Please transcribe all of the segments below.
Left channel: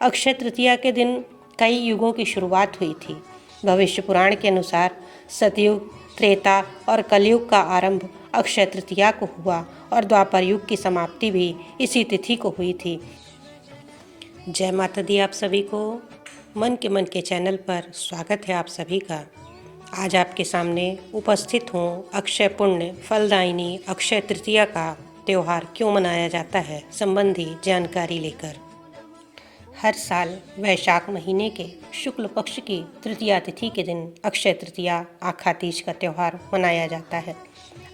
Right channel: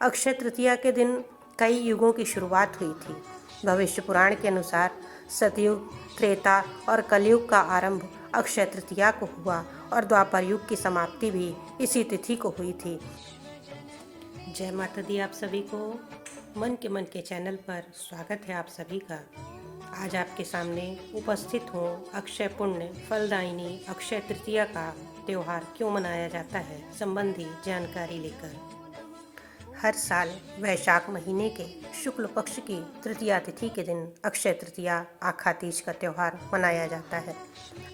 अक्षय तृतीया के दिन कई युगों की शुरुआत हुई थी। भविष्य पुराण के अनुसार सतयुग, त्रेता और कलयुग का आरंभ अक्षय तृतीया को हुआ और द्वापर युग की समाप्ति भी इसी तिथि को हुई थी। जय माता दी। आप सभी को मन के चैनल पर स्वागत है आप सभी का। आज आपके सामने उपस्थित हूँ अक्षय पुण्य फलदायिनी अक्षय तृतीया का त्यौहार क्यों मनाया जाता है संबंधी जानकारी लेकर। हर साल वैशाख महीने के शुक्ल पक्ष की तृतीया तिथि के दिन अक्षय तृतीया आखा तीज का त्यौहार मनाया जाता है।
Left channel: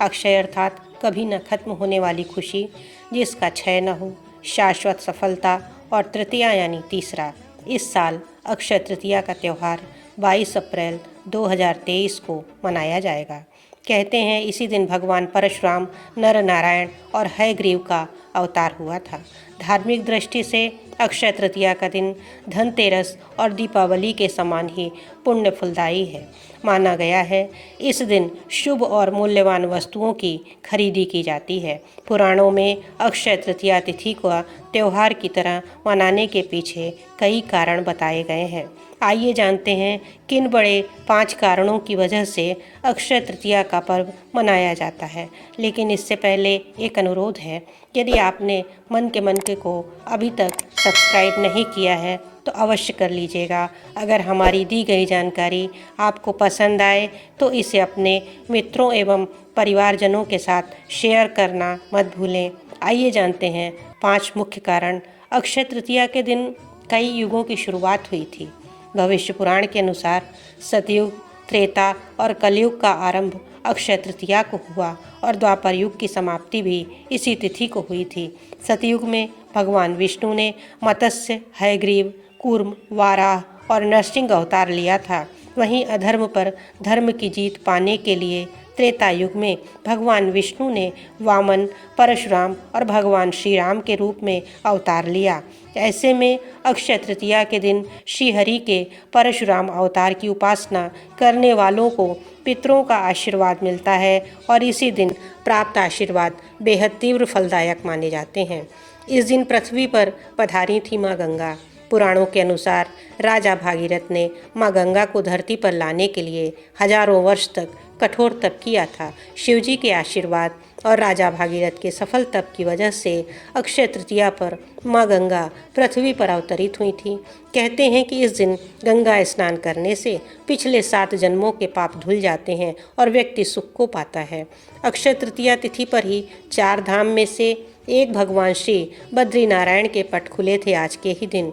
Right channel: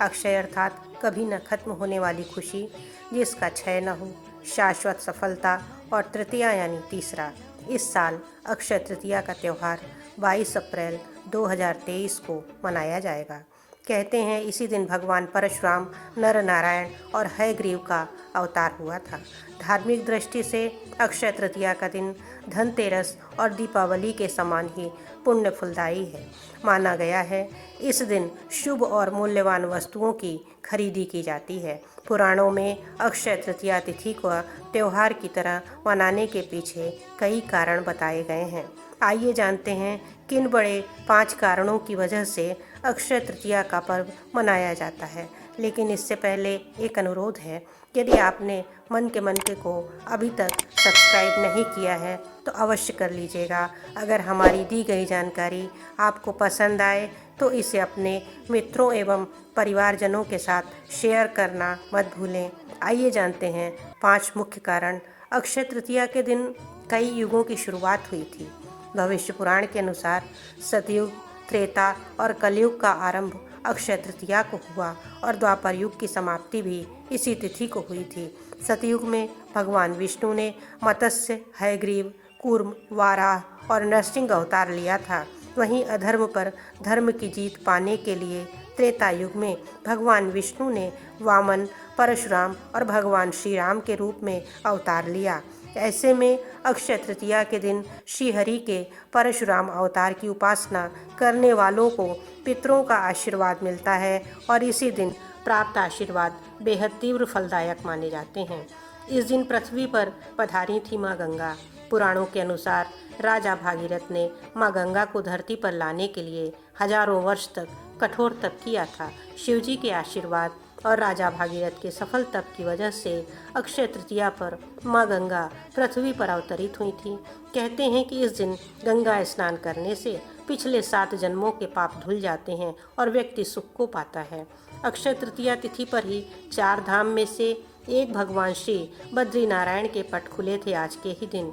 अक्षय अर्थात कभी न खत्म होने वाली खुशी, जिसका क्षय न हो, शाश्वत सफलता, और तृतीया यानी तीसरा। इस साल अक्षय तृतीया का त्यौहार 22 अप्रैल 2023 को मनाया जाएगा। कहते हैं इसी दिन भगवान परशुराम नर नारायण और हयग्रीव का अवतार हुआ था। धार्मिक दृष्टि से अक्षय तृतीया का दिन धनतेरस और दीपावली के समान ही पुण्य फलदायी है। माना गया है इस दिन शुभ और मूल्यवान वस्तुओं की खरीदी की जाती है। पुराणों में अक्षय तृतीया तिथि को त्यौहार की तरह मनाने के पीछे कई कारण बताए गए हैं। आइए जानते हैं किन बड़े 5 कारणों की वजह से अक्षय तृतीया का पर्व मनाया जाता है। लेकिन इससे पहले एक अनुरोध है, यदि आपने मन के को अभी तक सब्सक्राइब नहीं किया है तो अवश्य कर लीजिएगा। अगर हमारी दी गई जानकारी आपको पसंद आए तो इसे अपने मित्रों एवं परिवारजनों के साथ शेयर करना मत भूलें। आइए जानते हैं 5 मुख्य कारण। अक्षय तृतीया के दिन कई युगों की शुरुआत हुई थी। भविष्य पुराण के अनुसार सतयुग, त्रेता और कलयुग का आरंभ अक्षय तृतीया को हुआ और द्वापर युग की समाप्ति भी इसी तिथि को हुई थी। सतयुग में भगवान विष्णु ने मत्स्य, हयग्रीव, कूर्म, वाराह और नरसिंह अवतार लिया था। वहीं अधर्म पर धर्म की जीत पाने के लिए त्रेता युग में भगवान विष्णु ने वामन, परशुराम और भगवान श्री राम के रूप में अवतार लिया। ऐसे में अक्षय तृतीया के दिन श्रीहरि के परशुराम अवतार की उपासना करने वालों को पितरों का आशीर्वाद मिलता है और इसी दिन प्राप्त आशीर्वाद बेहद तीव्र फलदायक माने जाते हैं। इस दिन पृथ्वी पर पधारी थी माँ गंगा। पुराणों के अनुसार राजा भागीरथ ने माँ गंगा को धरती पर लाने के लिए हजारों वर्ष तक कठोर तप किया था। शिवजी के आशीर्वाद और राजा भागीरथ के सफल तप की वजह से अक्षय तृतीया पर माँ गंगा पृथ्वी पर अवतरित हुई थी। कहते हैं कि इस दिन गंगा स्नान करने से पिछले 7 जन्मों के पाप धुल जाते हैं और व्यक्ति सुख को पाता है। अक्षय तृतीया तिथि पर ही 4 धाम में से एक भगवान श्री बद्रीनारायण के पट खुले थे आज के ही दिन।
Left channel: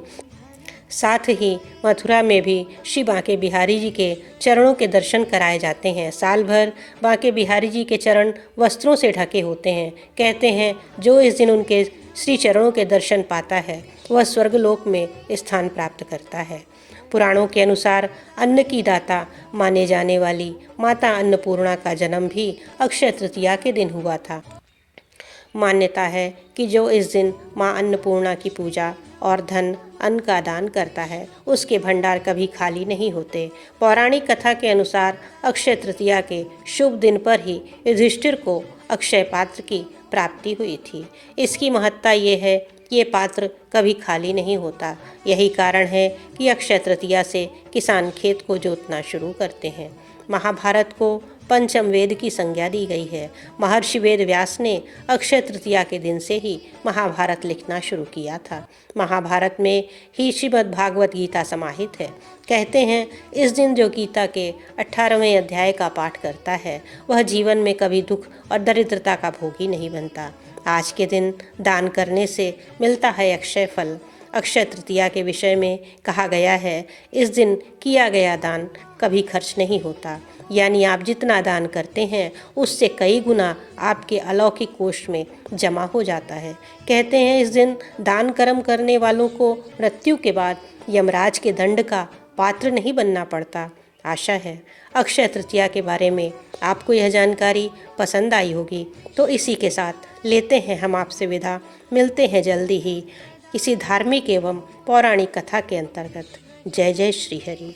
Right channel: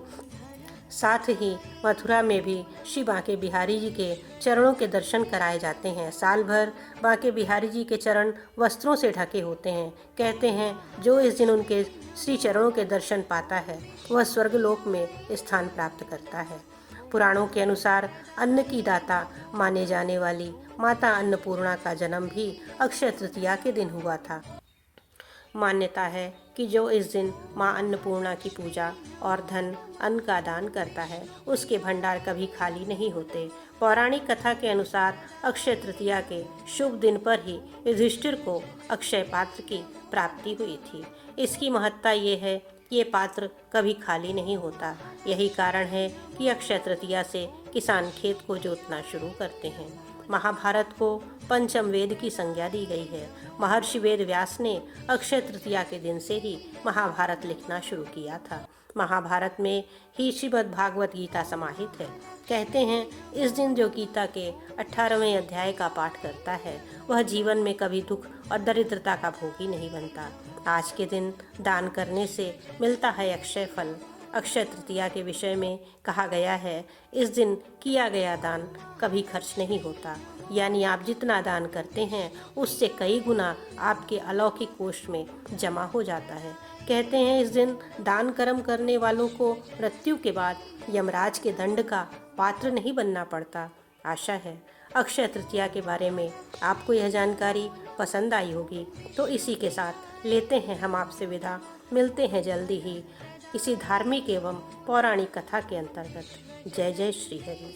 साथ ही मथुरा में भी श्री बांके बिहारी जी के चरणों के दर्शन कराए जाते हैं। साल भर बांके बिहारी जी के चरण वस्त्रों से ढके होते हैं। कहते हैं जो इस दिन उनके श्री चरणों के दर्शन पाता है वह स्वर्गलोक में स्थान प्राप्त करता है। पुराणों के अनुसार अन्न की दाता माने जाने वाली माता अन्नपूर्णा का जन्म भी अक्षय तृतीया के दिन हुआ था। मान्यता है कि जो इस दिन माँ अन्नपूर्णा की पूजा और धन अन्न का दान करता है उसके भंडार कभी खाली नहीं होते। पौराणिक कथा के अनुसार अक्षय तृतीया के शुभ दिन पर ही युधिष्ठिर को अक्षय पात्र की प्राप्ति हुई थी। इसकी महत्ता ये है कि ये पात्र कभी खाली नहीं होता। यही कारण है कि अक्षय तृतीया से किसान खेत को जोतना शुरू करते हैं। महाभारत को पंचम वेद की संज्ञा दी गई है। महर्षि वेद व्यास ने अक्षय तृतीया के दिन से ही महाभारत लिखना शुरू किया था। महाभारत में ही श्रीमद् भागवत गीता समाहित है। कहते हैं इस दिन जो गीता के 18वें अध्याय का पाठ करता है वह जीवन में कभी दुख और दरिद्रता का भोगी नहीं बनता। आज के दिन दान करने से मिलता है अक्षय फल। अक्षय तृतीया के विषय में कहा गया है इस दिन किया गया दान कभी खर्च नहीं होता, यानी आप जितना दान करते हैं उससे कई गुना आपके अलौकिक कोष में जमा हो जाता है। कहते हैं इस दिन दान कर्म करने वालों को मृत्यु के बाद यमराज के दंड का पात्र नहीं बनना पड़ता। आशा है अक्षय तृतीया के बारे में आपको यह जानकारी पसंद आई होगी। तो इसी के साथ लेते हैं हम आपसे विदा। मिलते हैं जल्दी ही किसी धार्मिक एवं पौराणिक कथा के अंतर्गत। जय जय श्री हरि।